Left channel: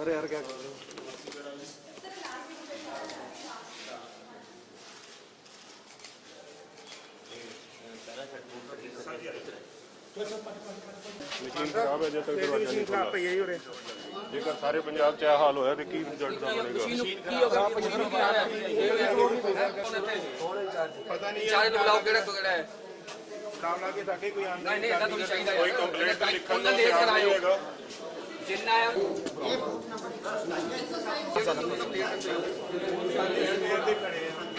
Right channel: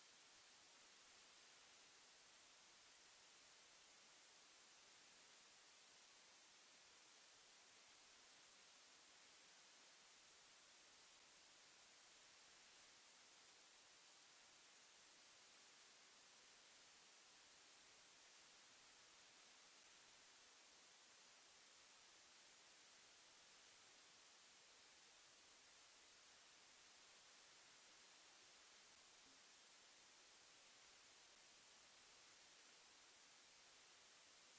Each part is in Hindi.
अरे यार क्या मशीन खराब है, जब तक दरवाजा नहीं खुला जेकर सारे पंजाब च हाल होया ते की रिजल्ट दा बनेगा। पता नहीं चार्ज बुलाओ केड़ा केड़ा है काम लाके ताकि कोई आंदा नहीं ऐसा तो चाहिए कोई कंप्लेंट लिखन दा लेकर आयो जिन्ना है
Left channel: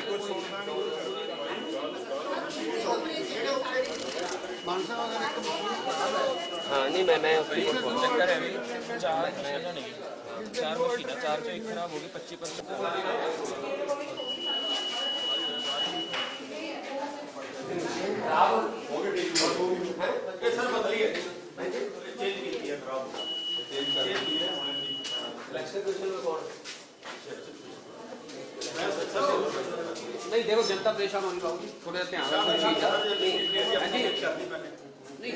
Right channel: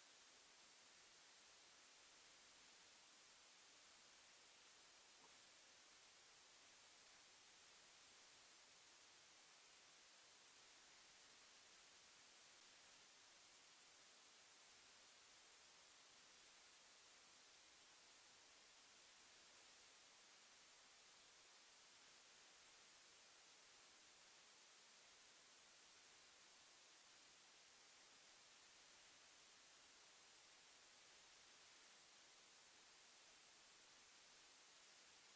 कुछ सुनना हाँ नहीं मैं उसकी चक्कर है चार मशीन चार जो एक खराब होगी 25% नहीं देखो जनता परेशान होनी पाऊगी थोड़ा ध्यान नहीं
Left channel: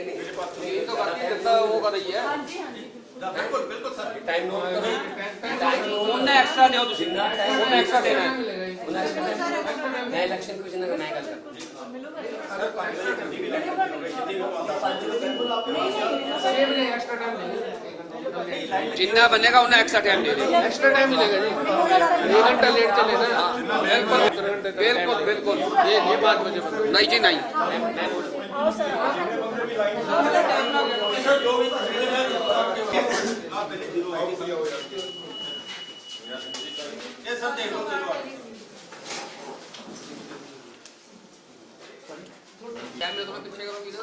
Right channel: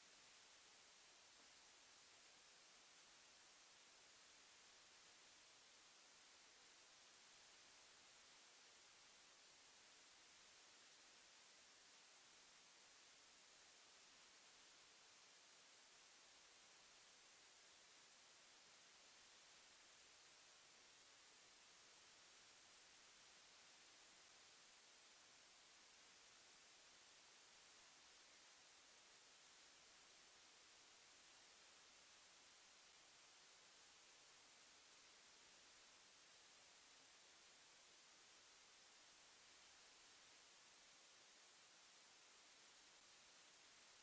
तो बाकी जनता वो कर रही है बिल्कुल बिल्कुल सर टाइम उन्हें एक्स्ट्रा दो उन्हें एक्स्ट्रा देना है मैं इलेक्शन कमीशन का मैं गल जितना बनेगा उन्हें एक्स्ट्रा टाइम दे देंगे एक्स्ट्रा टाइम मिलेगा जी 1 घंटा लेट चले ना बिल्कुल बिल्कुल ये बात मुझे नहीं जी नहीं कैमरे तो मैं पीछे करूंगी तो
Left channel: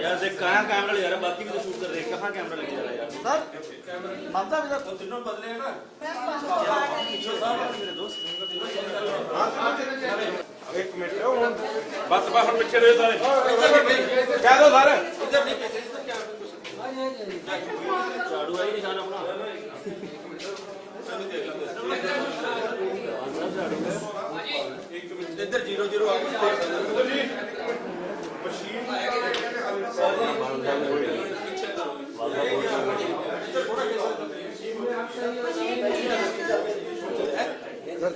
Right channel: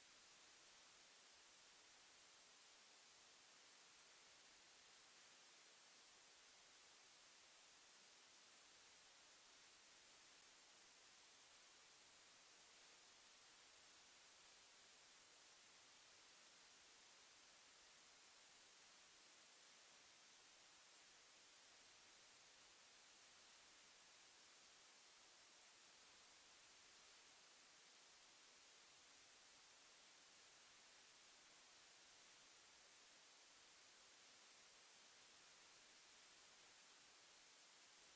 यार देख कहाँ कैमरा ले जा रहा है बाकी भी तो शूट कर रहे हैं कहाँ कैमरा लेके जा रहा है यार सर मानता है तो तीनों बदले हैं ना मेरे दोस्त एक मिनट बस बाहर पीछे रहे सारे क्या दो सारे झाड़ू आई निशान अपना इधर 0-0 आ गई मशीन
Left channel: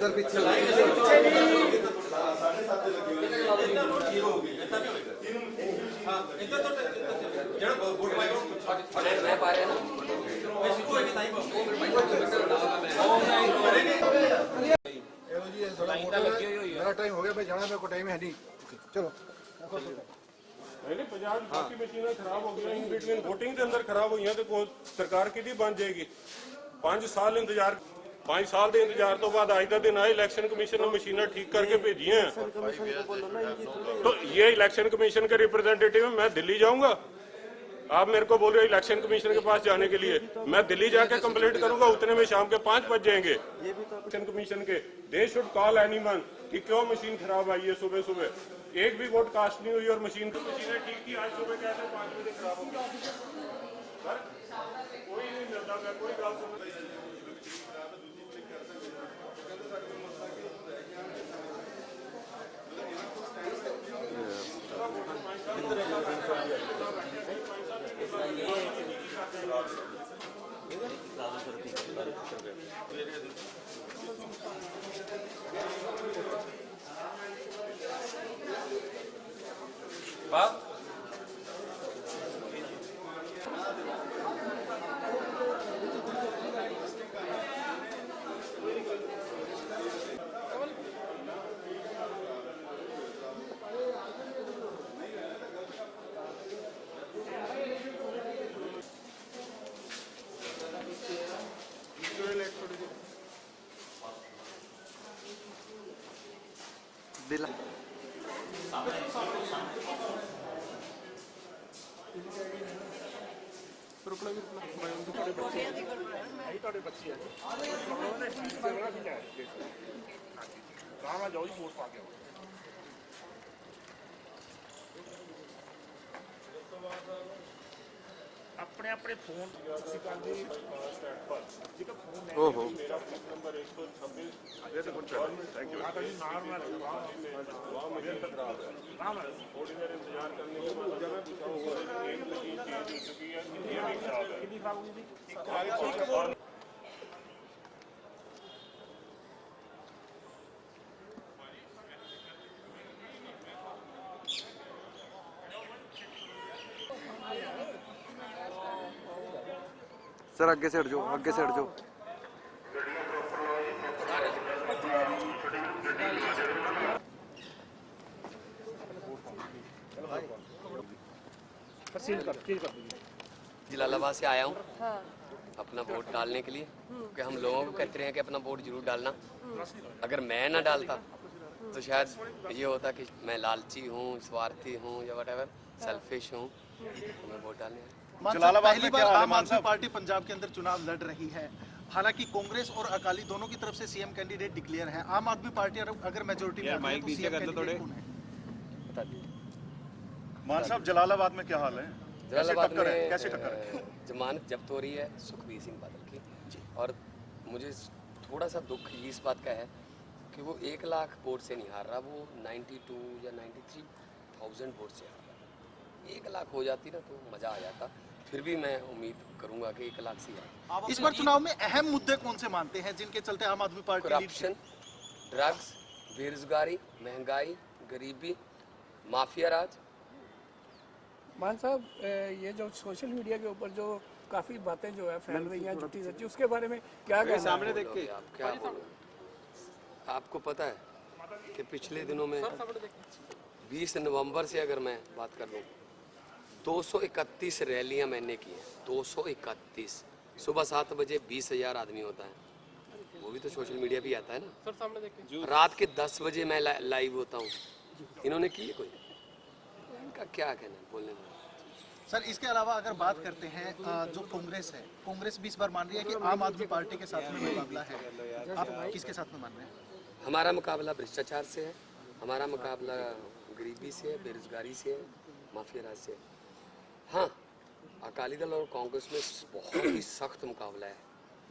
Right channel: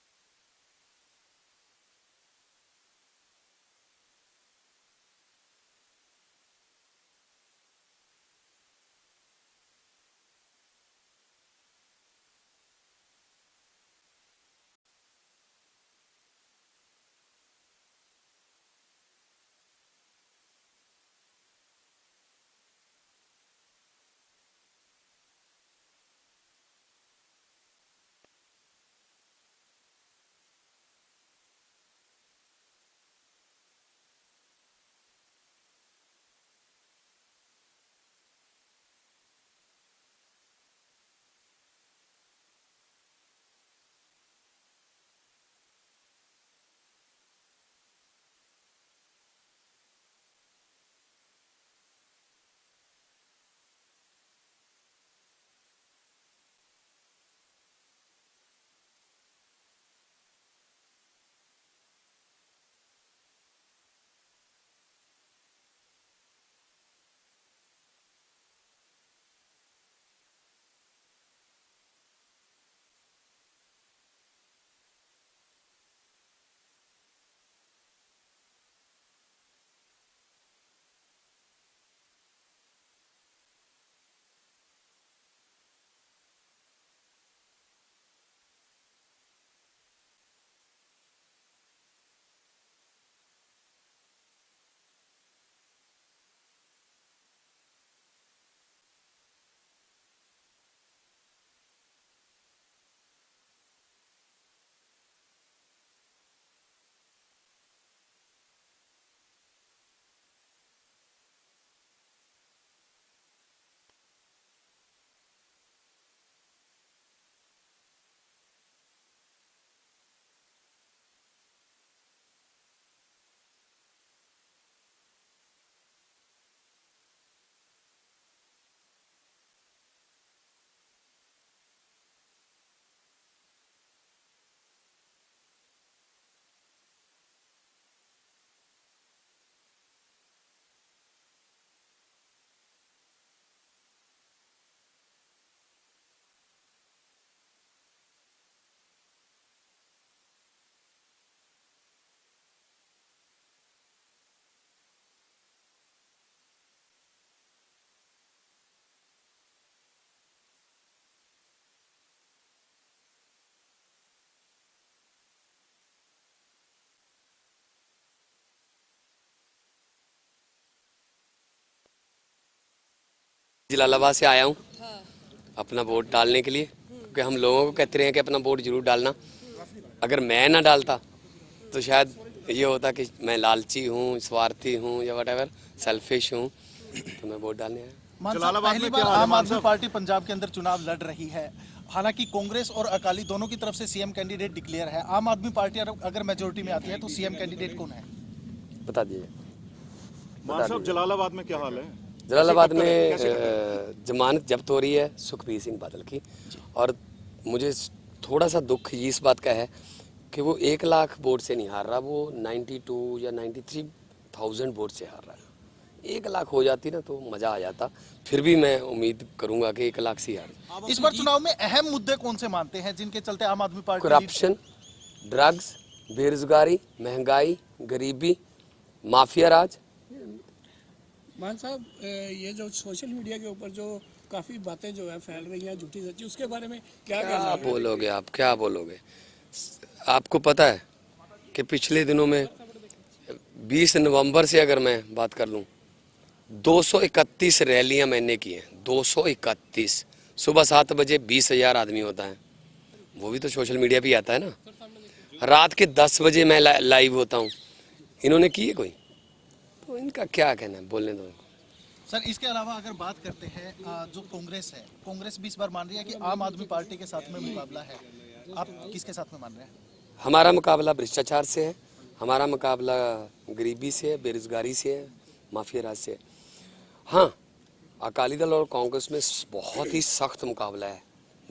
सर पीछे मैं पा रहे ना मेरा टाइम हो गया भाई जाना मेरे को टाइम है नहीं चलो नहीं पंजाब बाकी मशीन खराब हो गई इन बिटवीन वोटिंग के अंदर खराब हुई तो सरकार की बन जाएगी 5 साल इंतजार 5 साल के इंतजार तो बाद आज का दिन आए इलेक्शन कमीशन ने मशीनें ठीक करके भेजी हैं तो ये इलेक्शन कमीशन के रिप्रेजेंटेटिव मैं दिल्ली जाऊंगा आप मेरे को बोल रहे हो इलेक्शन कमीशन के पास जाने के लिए मैं दिल्ली जाके कंप्लेंट करूंगा उतने में शाम के 5 बज जाएंगे इलेक्शन कमीशन के दे शुड कॉल एनीवन कि क्यों मशीन खराब आई है सुबह सुबह एक भी वोट कास्ट नहीं हुई और मशीनें ठीक थी आज सुबह कहते 5 बजे खराब हो गई सर कोई नहीं मिलता मैं कोई गल सुन दिला जाओ वोट पा के ਆਪਣੇ ਫੋਨ ओहो सर आगे से हट जाओ, आगे से हट जाओ। जलालाबाद से आया हूँ अपना वोट डालने के लिए, क्योंकि हम लोगों को कहते रहे हैं कि अपना वोट जरूर डालना। अगर मैं ना डालता तो शायद ये होता कि मैं लालची हूँ, स्वार्थी हूँ या व्हाटएवर, सेल्फिश हूँ, तो मैं वोट डालने आया। जलालाबाद में क्या आम आदमी पार्टी पंजाब के अंदर चुनाव लड़ रही है। हालांकि कांग्रेस और अकाली दोनों की तरफ से सीएम कैंडिडेट डिक्लेयर है। आम आदमी पार्टी अगर मेजोरिटी में आती है तो सीएम कैंडिडेट कौन है? बता दीजिए। मान साहब जलालाबाद में क्या हाल है? जलालाबाद में जमानत जब्त हो रही है सुखबीर सिंह बादल की, और मुझे थोड़ा सा दुख इस बात का है कि वो 1 लाख वोट से नहीं हार रहा, वो 92 या 93,000 वोट से हार रहा है। 1 लाख हो जाती ना तो मजा आ जाता। फिर भी मैं उम्मीद करूंगा कि 1 लाख से ही हार। इस बार चुनाव में अहम मुद्दे कौन से मानते हैं जिनके चलते आम आदमी पार्टी? करप्शन, ड्रग्स, बेरोजगारी, महंगाई, गरीबी, माफिया राज। मान साहब, ये जो सोशल मीडिया के ऊपर जो काफ़ी बातें जो है फैल रही हैं झूठी सच्ची, उसके बारे में क्या कहना है? बोलोगे आप, क्या बोलोगे? आपको पता है कि पिछले दिनों में 20 नवंबर से अगर मैं बात कर लूं, 231 रैलियां मैंने की हैं। 231 सुबह 7 बजे 20,000 आदमी होता है, वो भी तो सोशल मीडिया पे आता है ना। रात के 10 बजे मैं लाइव होता हूँ। इन्होंने की है कोई? तो इनका क्या कहना है, बोलने दो। सर, इसके अलावा अगर बात करते हैं जो कांग्रेस है, कांग्रेस भी इस बार मान रही है कि आम आदमी पार्टी के साथ में मुकाबला है। आप किसके साथ में मान रहे हैं? हमारा मुकाबला भ्रष्टाचार से है, हमारा मुकाबला गरीबी से है, बेरोजगारी से है, माफिया राज से है। हाँ, अकाली दल और कांग्रेस में बहुत ही सख्त मुकाबला है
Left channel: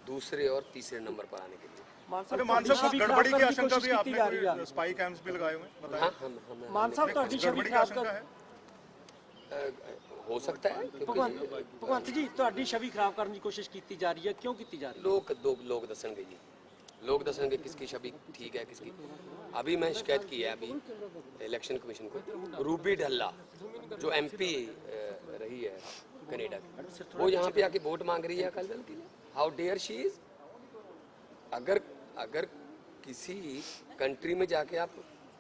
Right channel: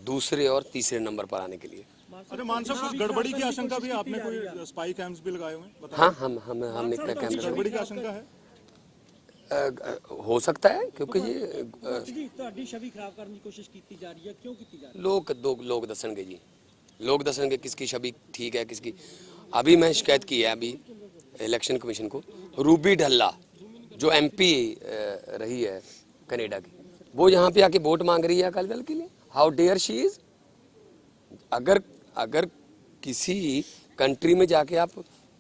दूसरे और तीसरे नंबर पर आने के लिए। अरे मान साहब, कुछ गड़बड़ी की आशंका भी है? आपने कोई स्पाई कैंप्स भी लगाए हुए हैं? हाँ, हमने क्या कैमरे गड़बड़ी की आशंका है? हो सकता है, क्योंकि ਤੁਹਾਡੀ ਛਵੀ ਖਰਾਬ ਕਰਨ ਦੀ ਕੋਸ਼ਿਸ਼ ਕੀਤੀ ਜਾ ਰਹੀ ਹੈ, ਕਿਉਂ ਕੀਤੀ ਜਾ ਰਹੀ ਹੈ? लोग दसणगे जी, लोग दसणगे किसकी छवि ठीक है किसकी। अभी मैं शिकायत की है अभी इलेक्शन कमीशन को। रूबी ढल्ला जो MP रही है कनाडा की, वो यहाँ पे आके वोट मांग रही है अकाली दल के लिए। How dare she is. अगर किसी कंट्री में जाके आप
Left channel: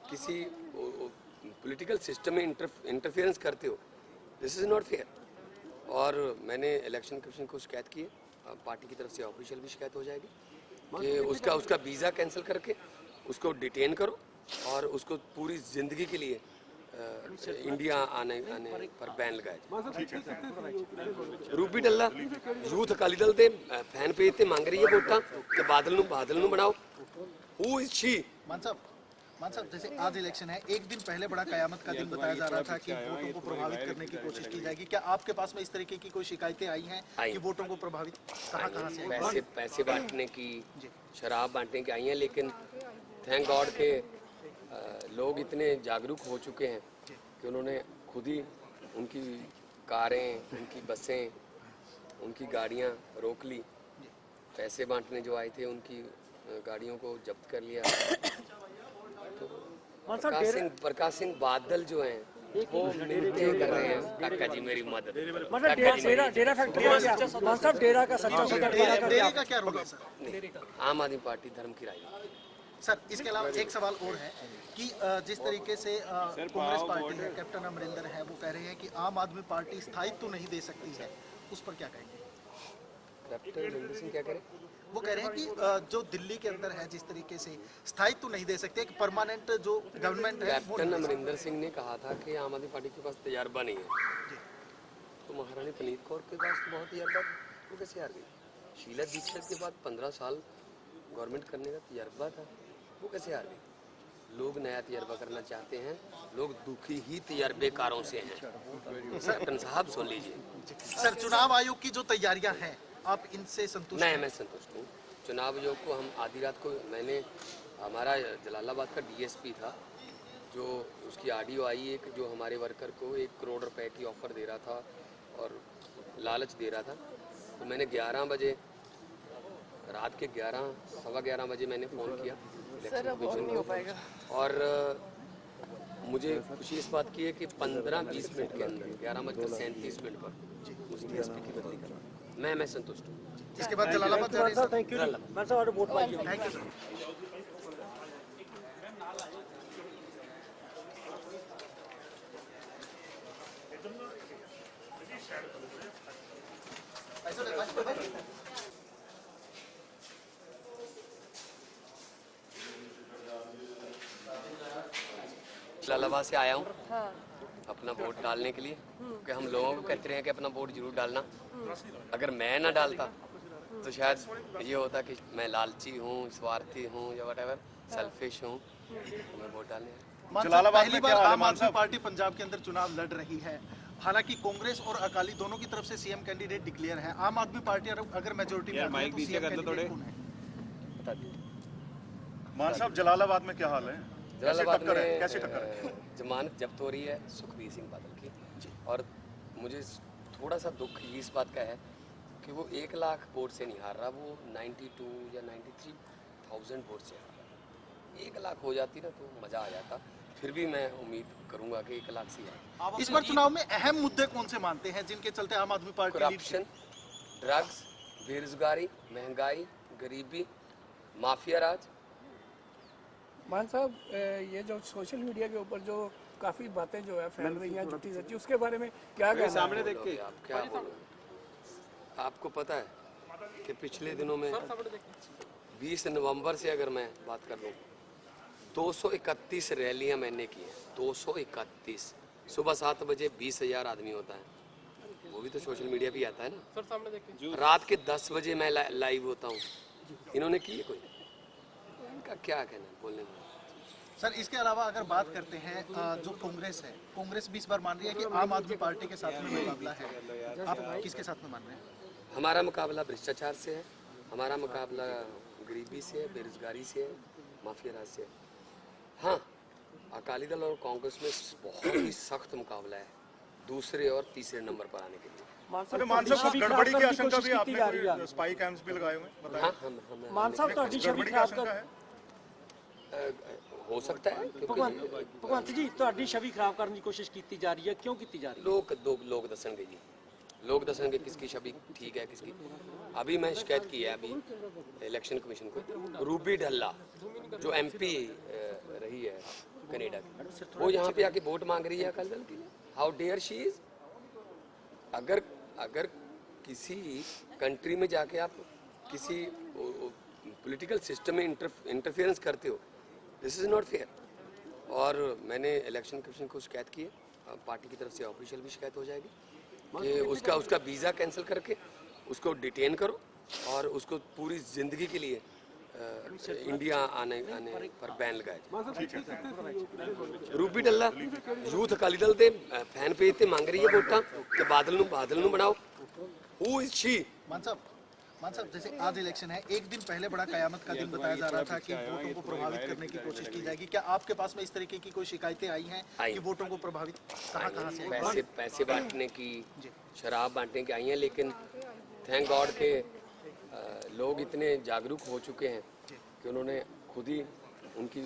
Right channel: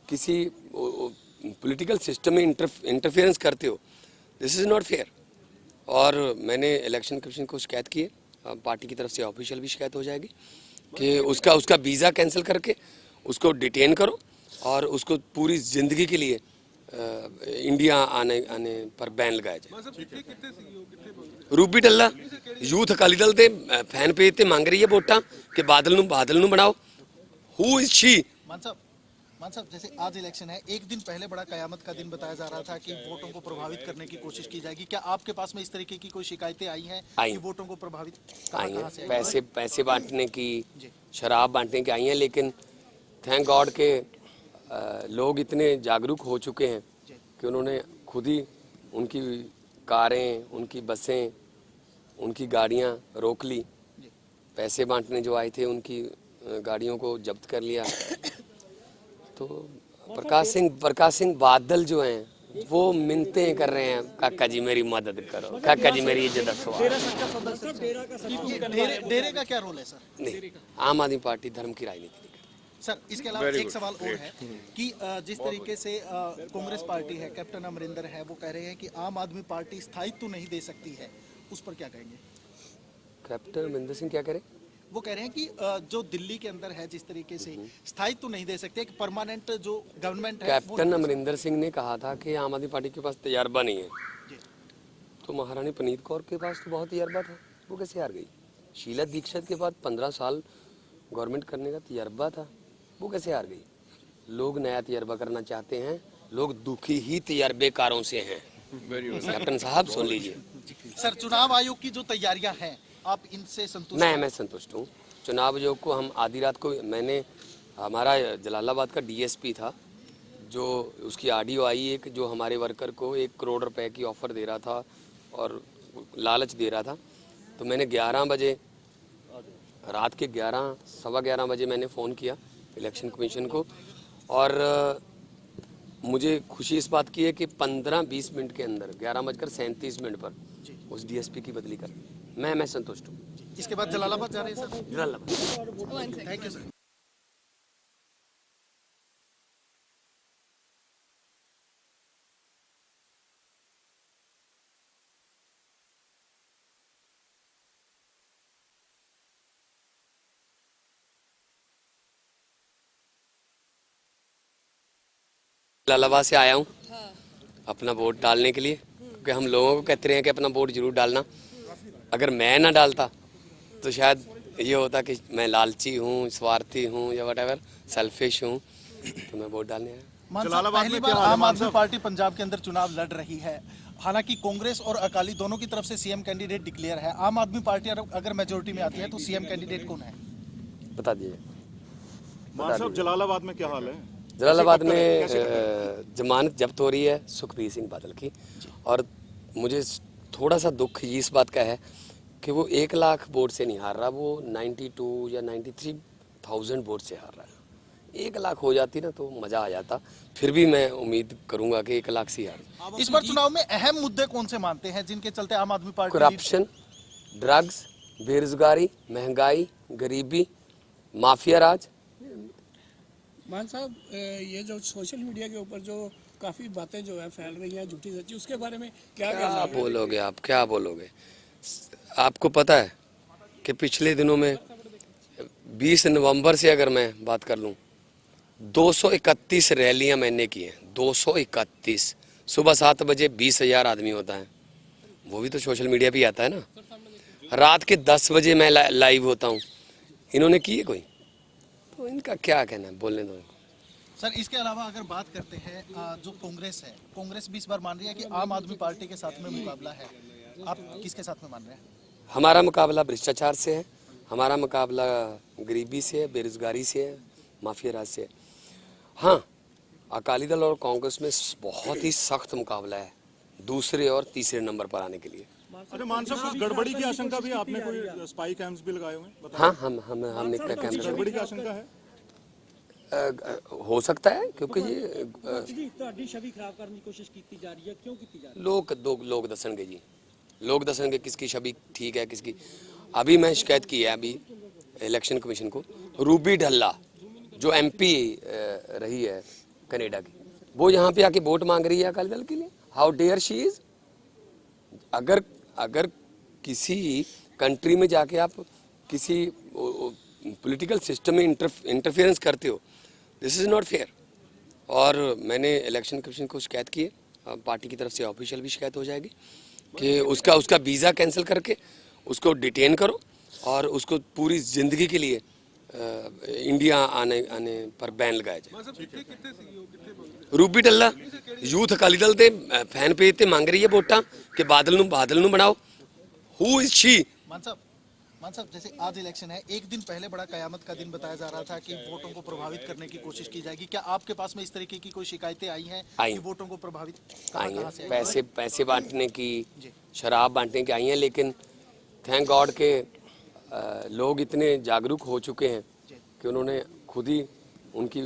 किसी पॉलिटिकल सिस्टम में इंटरफेरेंस करते हो, दिस इज़ नॉट फेयर। और मैंने इलेक्शन कमीशन को शिकायत की है, पार्टी की तरफ से ऑफिशियल भी शिकायत हो जाएगी कि उसका वीज़ा कैंसिल करके उसको डिटेन करो और उसको पूरी ज़िंदगी के लिए इंडिया आने पर बैन लगाया जाए। रूबी ढल्ला यूथ अकाली दल के फैन पेज ते मांग रही है वोटां कि बादल नूं बनाओ। Who is she? मान साहब, जैसे आज इलेक्शन है, एक दिन पहले बड़ा कयामत का दिन बताया जा रहा था कि वोटों को प्रभावित करने की कोशिश की जाएगी। क्या आपके पास में इस तरीके की कोई शिकायतें आई हैं कि वोटों को प्रभावित कहाँ से आई? पैसे बांटने की, शराब बांटने की आई हैं, लेकिन थैंक गॉड के लोग इतने जागरूक हो चुके हैं कि उन्होंने खुद ही उनकी कारें, उनकी बसें, उनकी गाड़ियां रोक ली। पैसे बांटने जो आए थे उनकी गाड़ियों को जब्त कर लिया। तो प्रकाश सिंह बादल जो हैं वो मिन्नतें कर रहे हैं, काका जी मेरी मदद करो, काका जी मेरी इज्जत करो। डेरे का क्या रोल है सर? नहीं, आम आदमी पार्टी धर्म की राजनीति। सर, इसके अलावा एक सवाल और है कि जिस तरीके से कांग्रेस पार्टी है, कैप्टन अमरिंदर है, वो कह रहे हैं कि आम आदमी पार्टी स्थायित्व नहीं दे सकती है, उस पर क्या कहेंगे? कैप्टन अमरिंदर सिंह क्या करे? वो कह रहे हैं कि जो दिल्ली के अंदर है जिस तरीके से स्थायित्व नहीं दे सकते, एक परमानेंट जो गवर्नमेंट है। कैप्टन अमरिंदर सिंह ने कहा था कि आम आदमी पार्टी के पास तजर्बा नहीं है, तो महारानी पनीत कौर के पास तो बहुत तजर्बा था, वो कैसे हार गई? शीला दीक्षित के बाद 15 साल गवर्नमेंट करने का तजर्बा था, वो कैसे हार गई? लोग नया तजर्बा करना चाहते हैं, लोग दुखी ही तजर्बेकारों से हैं। कैप्टन साहब सुन लीजिए। सर, चुनाव आयोग की जो तैयारियां हैं, आप इनसे संतुष्ट हैं? मैं संतुष्ट हूँ। चुनाव आयोग को हम आधी रात को हमारा जलालाबाद का डीएसपी था, जो उसकी ऑडियो आई एक, जो हमारे वर्कर को 1 करोड़ रुपए की ऑफ़र दे रहा था और लालच दे रहा था। तो मैंने 11 बजे, रात के 11 सवा 11 बजे मैंने फ़ोन किया इलेक्शन कमीशन को, और मुझे खुशी इस बात की है कि 15-20 मिनट के अंदर 11:37 पर उस डीएसपी की बदली करना, मैं संतुष्ट हूँ। इसके बाद जलालाबाद जा रहे हैं। Thank you sir. जलालाबाद से आया हूँ अपना वोट डालने के लिए, क्योंकि हम लोगों को कहते रहे हैं कि अपना वोट जरूर डालना। अगर मैं ना डालता तो शायद ये होता कि मैं लालची हूँ, स्वार्थी हूँ, या व्हाटएवर, सेल्फिश हूँ, तो मैं वोट डालने आया। जलालाबाद में क्या आम आदमी पार्टी पंजाब के अंदर चुनाव लड़ रही है, हालांकि कांग्रेस और अकाली दोनों की तरफ से सीएम कैंडिडेट डिक्लेयर है। आम आदमी पार्टी अगर मेजोरिटी में आती है तो सीएम कैंडिडेट कौन है? बता दीजिए। मान साहब, जलालाबाद में क्या हाल है? जलालाबाद में जमानत जब्त हो रही है सुखबीर सिंह बादल की, और मुझे थोड़ा सा दुख इस बात का है कि वो 1 लाख वोट से नहीं हार रहा, वो 92 या 93,000 वोट से हार रहा है। 1 लाख हो जाती ना तो मज़ा आ जाता। फिर भी मैं उम्मीद करूंगा कि 1 लाख से हार। इस बार चुनाव में अहम मुद्दे कौन से मानते हैं जिनके चलते आम आदमी पार्टी? करप्शन, ड्रग्स, बेरोजगारी, महंगाई, गरीबी, माफिया राज। मान साहब, ये जो सोशल मीडिया के ऊपर जो काफ़ी बातें जो है फैल रही हैं झूठी सच्ची, उसके बारे में क्या कहना है? बोलोगे आप, क्या बोलोगे? आपको पता है कि पिछले दिनों में 20 नवंबर से अगर मैं बात कर लूं, 231 रैलियां मैंने की हैं। 231 सुबह 7 बजे 20,000 आदमी होता है, वो भी तो सोशल मीडिया पे आता है ना। रात के 10 बजे मैं लाइव होता हूँ। इन्होंने की है कोई? तो इनका क्या कहना है, बोलने दो। सर, इसके अलावा अगर बात करते हैं, जो कांग्रेस है, कांग्रेस भी इस बार मान रही है कि आम आदमी पार्टी के साथ में मुकाबला है। आप किसके साथ में मान रहे हैं? हमारा मुकाबला भ्रष्टाचार से है, हमारा मुकाबला गरीबी से है, बेरोजगारी से है, माफिया राज से है। हाँ, अकाली दल और कांग्रेस में बहुत ही सख्त मुकाबला है दूसरे और तीसरे नंबर पर आने के लिए। अरे मान साहब, कुछ गड़बड़ी की आशंका भी है, आपने कोई स्पाई कैम्प्स भी लगाए हुए हैं? हाँ, हमने क्या कैमरा, गड़बड़ी की आशंका है? हो सकता है, क्योंकि ये ਜੀ ਤੁਹਾਡੀ ਛਵੀ ਖਰਾਬ ਕਰਨ ਦੀ ਕੋਸ਼ਿਸ਼ ਕੀਤੀ ਜਾ ਰਹੀ ਹੈ, ਕਿਉਂ ਕੀਤੀ ਜਾ ਰਹੀ ਹੈ? लोग दसणगे जी, लोग दसणगे किसकी छवि ठीक है किसकी। अभी मैं शिकायत की है अभी इलेक्शन कमीशन को, रूबी ढल्ला जो MP रही है कनाडा की, वो यहाँ पे आके वोट मांग रही है अकाली दल के लिए। How dare she is. अगर किसी कंट्री में जाके आप किसी पॉलिटिकल सिस्टम में इंटरफेरेंस करते हो, दिस इज़ नॉट फेयर। और मैंने इलेक्शन कमीशन को शिकायत की है, पार्टी की तरफ से ऑफिशियल भी शिकायत हो जाएगी कि उसका वीज़ा कैंसिल करके उसको डिटेन करो और उसको पूरी ज़िंदगी के लिए इंडिया आने पर बैन लगाया जाए। रूबी ढल्ला यूथ अकाली दल के फैन पेज ते मांग रही है वोटा कि बादल नूं बनाओ। Who is she? मान साहब, जैसे आज इलेक्शन है, एक दिन पहले बड़ा कयामत का दिन बताया जा रहा था कि वोटों को प्रभावित करने की कोशिश की जाएगी। क्या आपके पास में इस तरीके की कोई शिकायतें आई हैं कि वोटों को प्रभावित कहाँ से आई? पैसे बांटने की, शराब बांटने की आई हैं, लेकिन थैंक गॉड के लोग इतने जागरूक हो चुके हैं कि उन्होंने खुद ही उनकी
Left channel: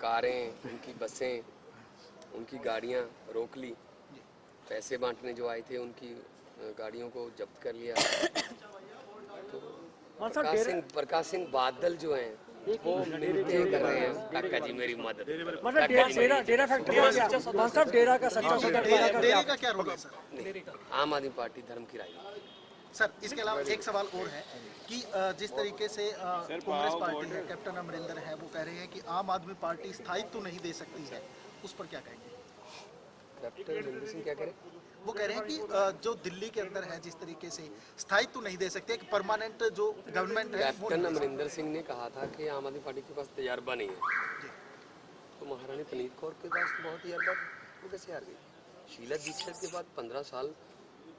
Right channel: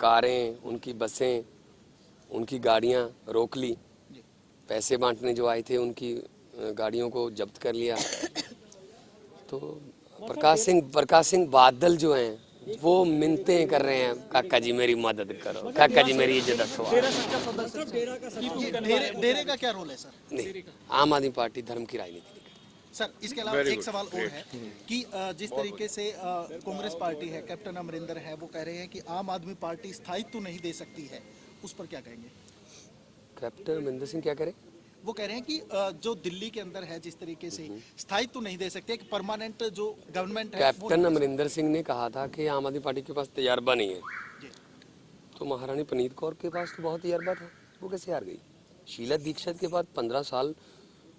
कारें, उनकी बसें, उनकी गाड़ियां रोक ली। पैसे बांटने जो आए थे उनकी गाड़ियों को जब्त कर लिया। तो प्रकाश सिंह बादल जो हैं वो मिन्नतें कर रहे हैं, काका जी मेरी मदद करो, काका जी मेरी इज्जत करो। डेरे का क्या रोल है सर? नहीं, आम आदमी पार्टी धर्म की राजनीति। सर, इसके अलावा एक सवाल और है कि जिस तरीके से कांग्रेस पार्टी है, कैप्टन अमरिंदर है, वो कह रहे हैं कि आम आदमी पार्टी स्थायित्व नहीं दे सकती है, उस पर क्या कहेंगे? कैप्टन अमरिंदर सिंह क्या करे? वो कह रहे हैं कि जो दिल्ली के अंदर है जिस तरीके से स्थायित्व नहीं दे सकते, एक परमानेंट जो गवर्नमेंट है। कैप्टन अमरिंदर सिंह ने कहा था कि आम आदमी पार्टी के पास तजर्बा नहीं है, तो महारानी पनीत कौर के पास तो बहुत तजर्बा था, वो कैसे हार गई? शीला दीक्षित के बाद 15 साल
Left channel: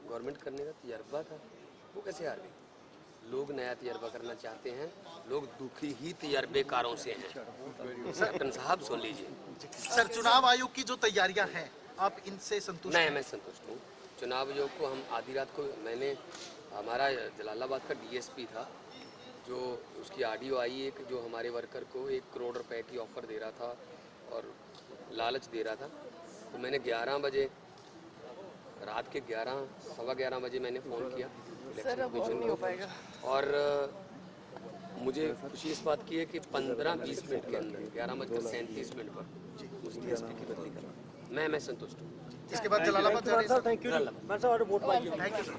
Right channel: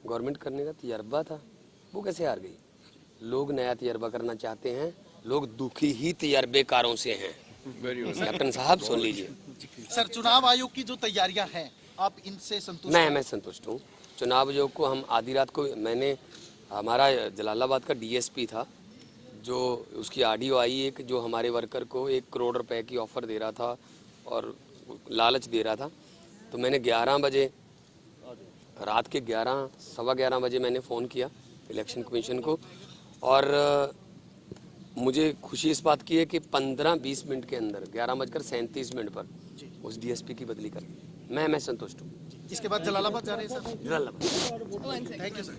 गवर्नमेंट करने का तजर्बा था, वो कैसे हार गई? लोग नया तजर्बा करना चाहते हैं, लोग दुखी ही तजर्बेकारों से हैं। कैप्टन साहब सुन लीजिए। सर, चुनाव आयोग की जो तैयारियां हैं, आप इनसे संतुष्ट नहीं, हैं? मैं संतुष्ट हूँ। चुनाव आयोग को हम आधी रात को, मैंने हमारा जलालाबाद का डीएसपी था, जो उसकी ऑडियो आई एक, जो हमारे वर्कर को 1 करोड़ रुपए की ऑफ़र दे रहा था और लालच दे रहा था। तो मैंने 11 बजे, रात के 11 सवा 11 बजे मैंने फ़ोन किया इलेक्शन कमीशन को, और मुझे खुशी इस बात की है कि 15-20 मिनट के अंदर 11:37 पर उस डीएसपी की बदली कर दी। मैं संतुष्ट हूँ। इसके बाद जलालाबाद जा रहे हैं। Thank you. Thank you sir.